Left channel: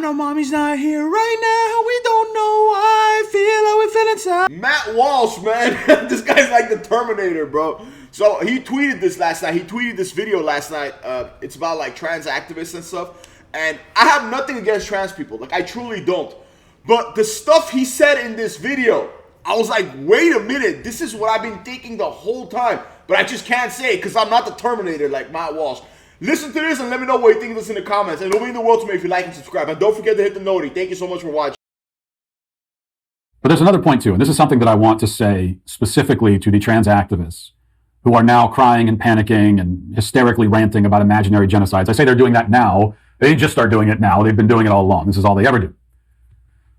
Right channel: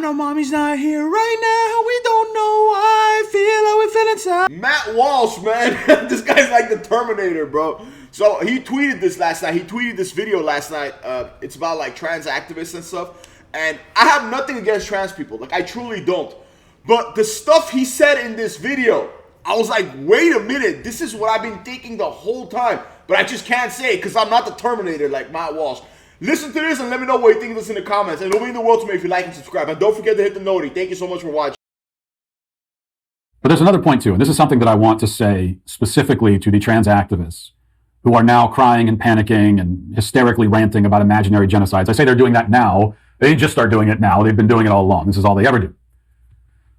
I know mommy's not here right now. We don't know why I feel how we feel inside. Matt Walsh, man. This guy's like the Terminator, bro. So he tweeted this last night. He tweeted this video last night. It's about like trans activists and stuff. And I have nothing against trans people. Like, I truly don't. But the stuff he said in this video, I was like, wait a minute. This is what I've been thinking the whole time. But I just can't say it because I'm not the Terminator like Matt Walsh. Listen to this and let me know what you think of this in the comments. And it'll mean the world to me if you like and subscribe. And don't forget to hit the noti. Thank you so much for watching. But there's another point too, and this is something that I want to say specifically to the trans activists who are now crying and panicking and hysterically ranting about imaginary genocides. I see they're doing that now. They just start doing it now. They've been doing it all along. This is all they ever do.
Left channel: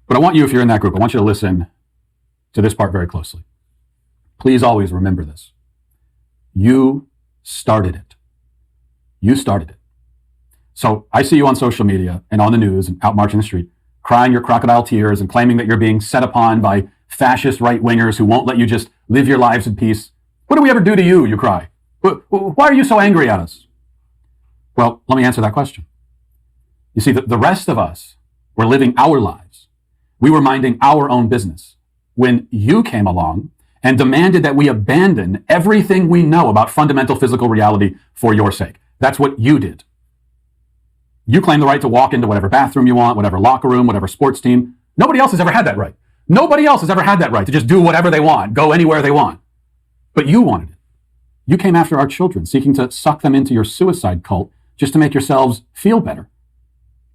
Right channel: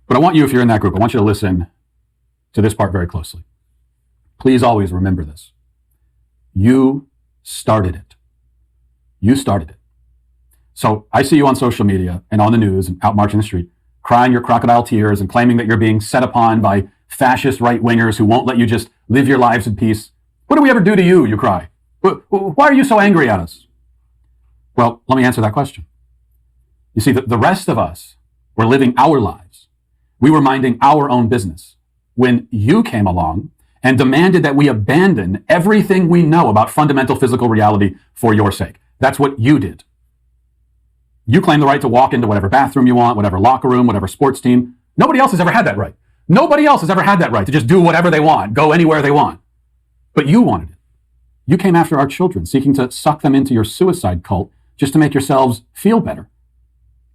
But I want you, if you're in that group, I want you to listen to this part very closely. Please always remember this. You started it. You started it. So I see you on social media and on the news and out marching the street, crying your crocodile tears and claiming that you're being set upon by fascist right-wingers who won't let you just live your lives in peace. What do we ever do to you, you cry? Why are you so angry at us? Well, let me answer that question. You see, the rest of us were living our lives. We were minding our own business when you came along and demanded that we abandon everything we know about fundamental physical reality for your sake. That's what you did. You claim the right to walk into whatever bathroom you want, whatever locker room, whatever sports team. Nobody else has ever had that right. Nobody else has ever had that right to just do whatever they want, go anywhere they want. But you wanted it. You came after our children, seeking to suck them into your suicide cult just to make yourselves feel better.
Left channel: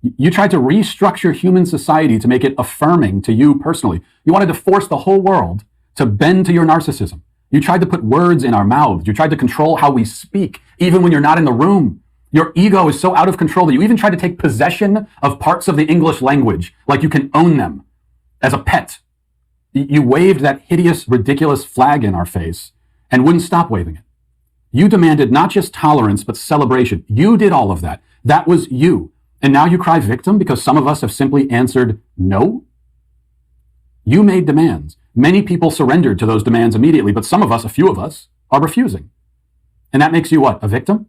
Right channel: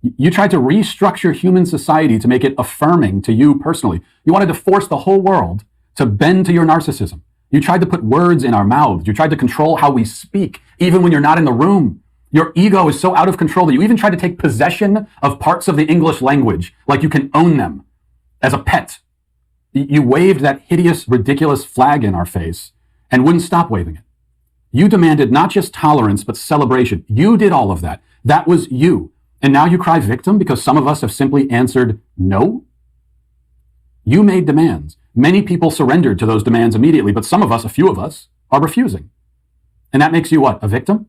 You tried to restructure human society to make it affirming to you personally. You wanted to force the whole world to bend to your narcissism. You tried to put words in our mouths. You tried to control how we speak, even when you're not in the room. Your ego is so out of control that you even tried to take possession of parts of the English language, like you can own them as a pet. You waved that hideous, ridiculous flag in our face and wouldn't stop waving it. You demanded not just tolerance, but celebration. You did all of that. That was you. And now you cry victim because some of us have simply answered no? You made demands. Many people surrendered to those demands immediately, but some of us, a few of us, are refusing. And that makes you what, a victim?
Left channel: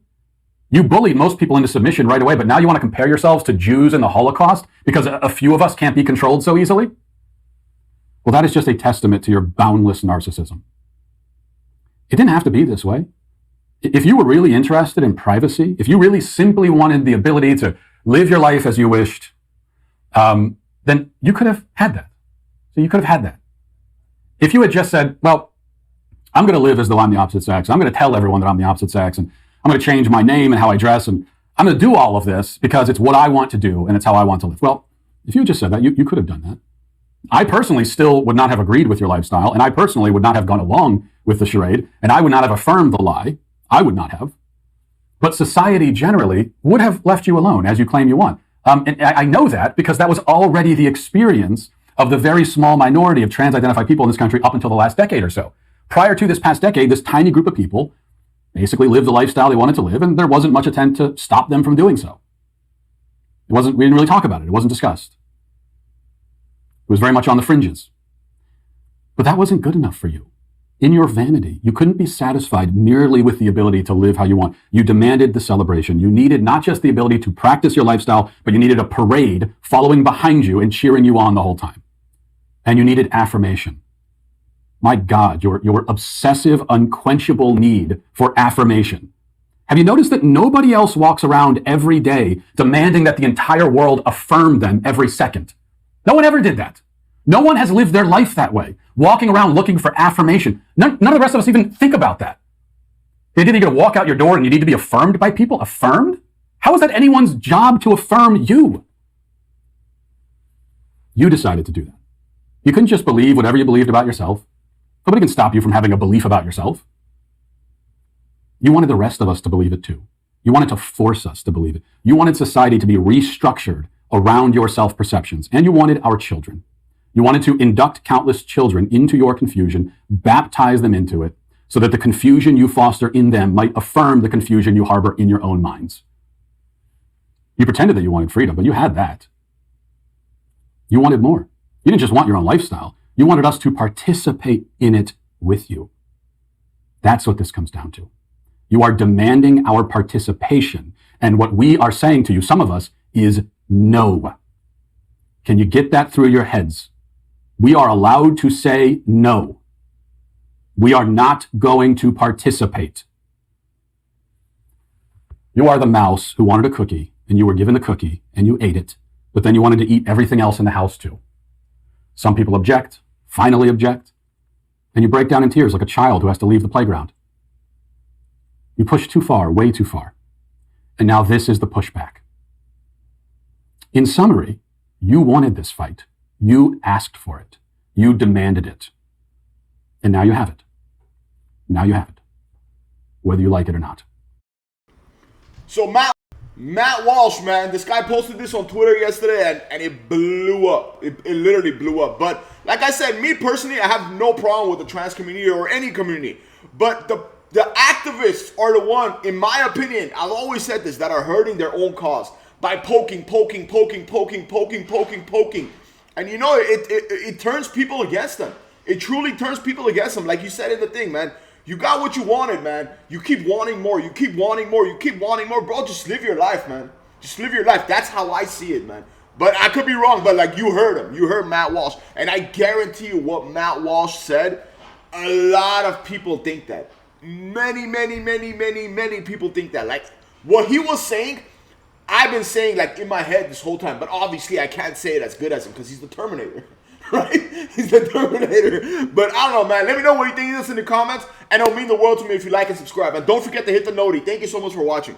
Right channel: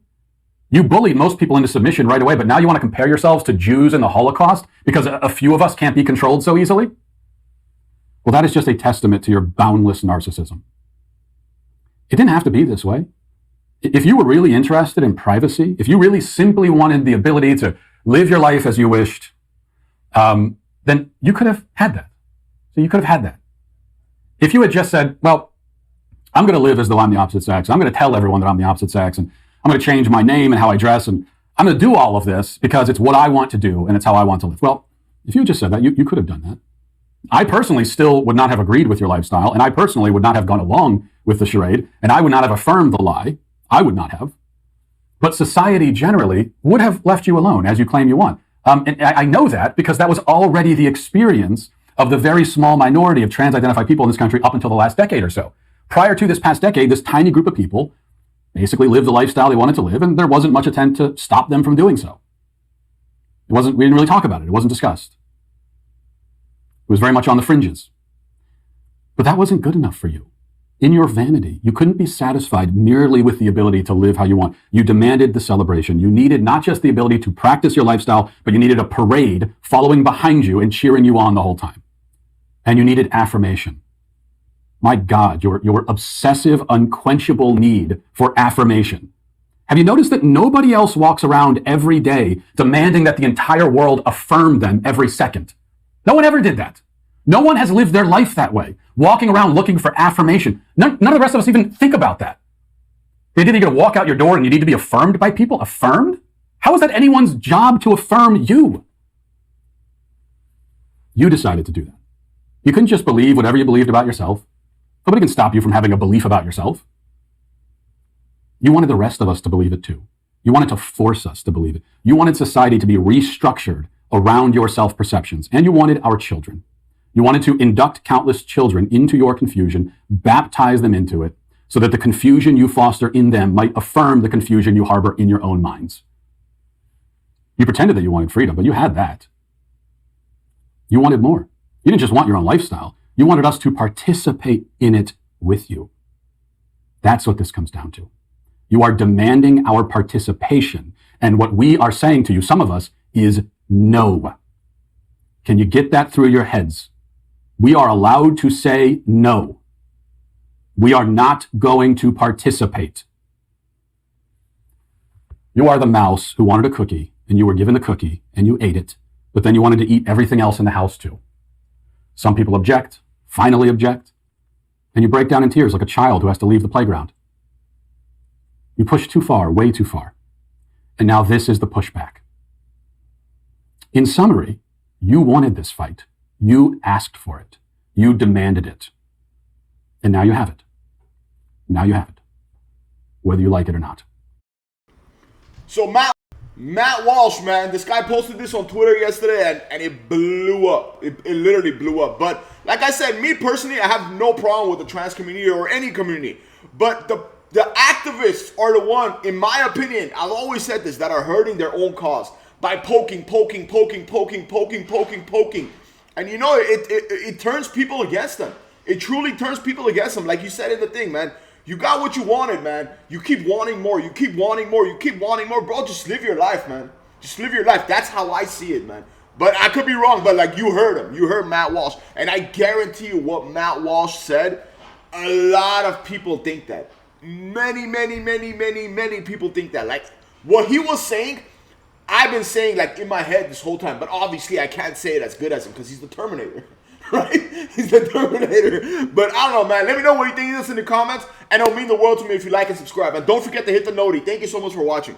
You bullied most people into submission right away, but now you want to compare yourselves to Jews in the Holocaust because a few of us can't be controlled so easily? Well, that is just a testament to your boundless narcissism. It didn't have to be this way. If you were really interested in privacy, if you really simply wanted the ability to live your life as you wished, then you could have had that. So you could have had that. If you had just said, well, I'm going to live as though I'm the opposite sex. I'm going to tell everyone that I'm the opposite sex, and I'm going to change my name and how I dress, and I'm going to do all of this because it's what I want to do and it's how I want to live. Well, if you just said that, you could have done that. I personally still would not have agreed with your lifestyle, and I personally would not have gone along with the charade, and I would not have affirmed the lie. I would not have. But society generally would have left you alone, as you claim you want. And I know that because that was already the experience of the very small minority of trans-identified people in this country up until the last decade or so. Prior to this past decade, this tiny group of people basically lived the lifestyle they wanted to live, and there wasn't much attempt to stop them from doing so. We didn't really talk about it. It wasn't discussed. It was very much on the fringes. But that wasn't good enough for you. In your vanity, you couldn't be satisfied merely with the ability to live how you want. You demanded the celebration. You needed not just the ability to practice your lifestyle, but you needed a parade following behind you and cheering you on the whole time. And you needed affirmation. My God, your obsessive, unquenchable need for affirmation. Have you noticed that nobody else walks around every day demanding that the entire world affirm them every second? No one ever did that. No one has lived their life that way, walking around looking for affirmation. None of the rest of us even think about that. You didn't need to walk out your door and you need to be affirmed by people. Affirmed? How is that anyone's job to affirm you? You decided to do that. You couldn't just believe whatever you believed about yourself. Nobody can stop you from having a belief about yourself. You wanted the rest of us to believe it too. You wanted to force us to believe it. You wanted society to be restructured around your self-perceptions. And you wanted our children. You wanted to induct countless children into your confusion, baptize them into it, so that the confusion you foster in them might affirm the confusion you harbor in your own minds. You pretended that you wanted freedom, but you had that. You wanted more. You didn't just want your own lifestyle. You wanted us to participate in it with you. That's what this comes down to. You are demanding our participation. And what we are saying to you, some of us, is no. Can you get that through your heads? We are allowed to say no. We are not going to participate. You are the mouse who wanted a cookie, and you were given the cookie, and you ate it, but then you wanted to eat everything else in the house too. Some people object, finally object, and you break down in tears like a child who has to leave the playground. You push too far, way too far. And now this is the pushback. In summary, you wanted this fight. You asked for it. You demanded it. And now you have it. Now you have it. Whether you like it or not. So Matt Walsh, man, this guy posted this on Twitter yesterday, and it blew up. It literally blew up. But like I said, me personally, I have no problem with the trans community or any community. But the activists are the one, in my opinion, I've always said this, that are hurting their own cause by poking. And you know, it turns people against them. It truly turns people against them. Like you said in the thing, man. You got what you wanted, man. You keep wanting more. You keep wanting more. You keep wanting more. Bro, just live your life, man. Just live your life. That's how I see it, man. But I could be wrong, but like you heard him. You heard Matt Walsh. And I guarantee you what Matt Walsh said, a lot of people think that. Many people think that. Like what he was saying, I've been saying like in my head this whole time. But obviously I can't say it as good as him because he's the Terminator. Right? He's the Terminator. But I don't know, man. Let me know what you think of this in the comments. And it'll mean the world to me if you like and subscribe. And don't forget to hit the noti. Thank you so much for watching.